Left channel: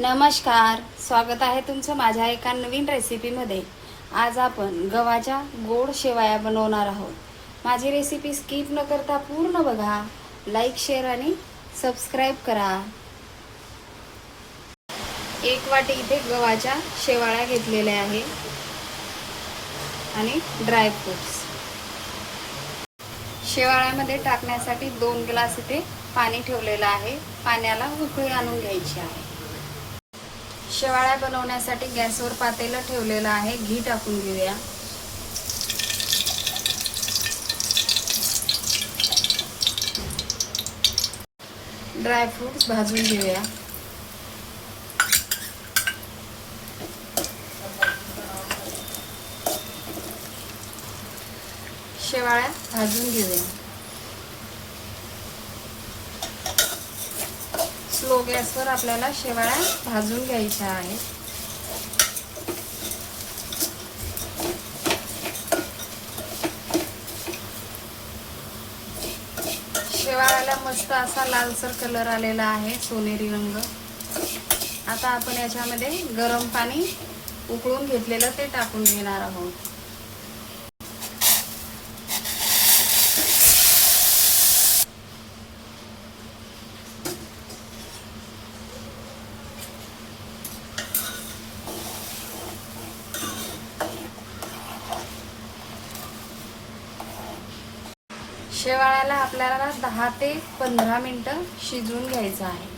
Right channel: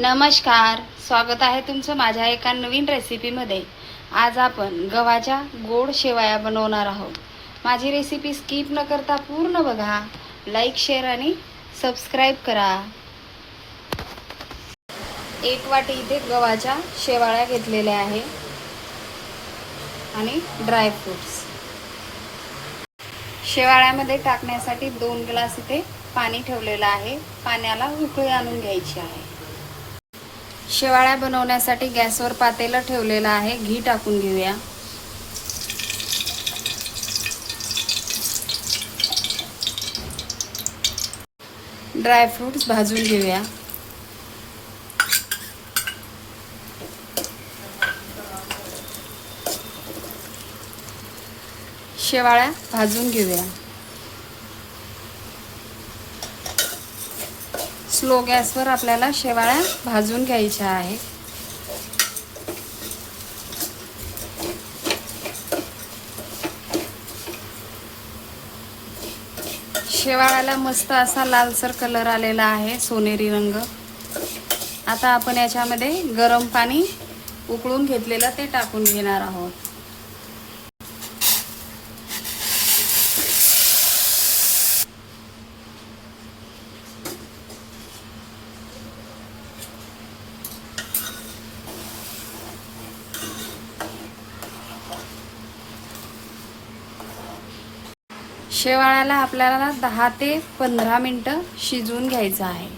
नमस्कार, स्वागत आहे तुमचं माझ्या एका नवीन रेसिपीमध्ये। आज आपण गव्हाच्या गोड शेवया बनवणार आहोत। माझी रेसिपी स्किप न करता पूर्ण बघा, लाईक शेअर आणि सबस्क्राईब करा। एक वाटी इथे गव्हाच्या शेवाळ्या घेतलेल्या आहे आणि ड्रायफ्रुट्स। शेवाळ्यामध्ये टाकण्यासाठी 2 ग्लास इथे पाणी ठेवलेलं आहे। पाण्याला उकळी आणून घ्यायची आहे। शेवाळ्या बनवण्यासाठी गॅसवर पातेलं ठेवलेलं आहे। घी टाकून घेऊया। ड्रायफ्रुट्स भाजून घेऊया। शेवाळ्या भाजून घेऊया। स्लो गॅसवर आपल्याला शेवाळ्या भाजून घ्यायच्या आहे। शेवाळ्याला मस्त असा लालसर कलर आलेला आहे, सोनेरी रंग। आता आपण याच्यामध्ये गरम पाणी उकळून घेतलेलं ते टाकून घेणार आहोत। शेवाळ्याला आपल्याला 10 ते 15 मिनिटं शिजवून घ्यायचं आहे।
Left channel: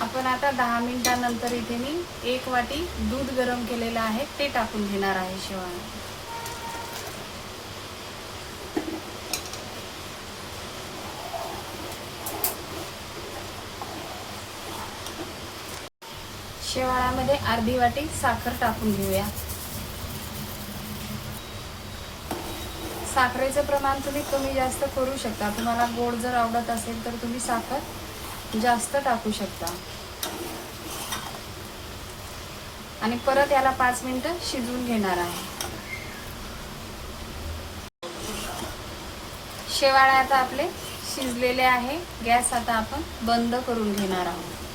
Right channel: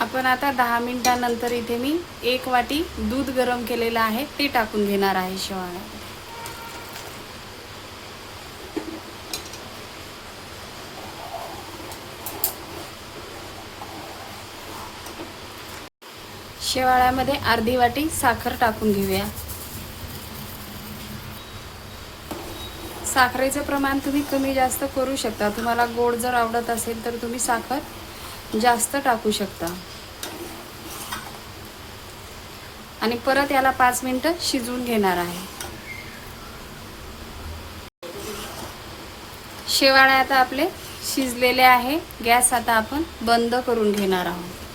आपण आता 10 मिनिटांनंतर इथे मी 1 वाटी दूध गरम केलेलं आहे ते टाकून घेणार आहे शेवाळ्या। शेवाळ्यामध्ये अर्धी वाटी साखर टाकून घेऊया। साखरेचं प्रमाण तुम्ही कमी जास्त करू शकता। तुम्हाला गोड जर आवडत असेल तर तुम्ही साखर जास्त टाकू शकता। आणि परत याला 5 मिनिटं शिजवून घेणार आहे। शेवाळ्या आता आपले शिजलेले आहे। गॅस आता आपण बंद करून घेणार आहोत।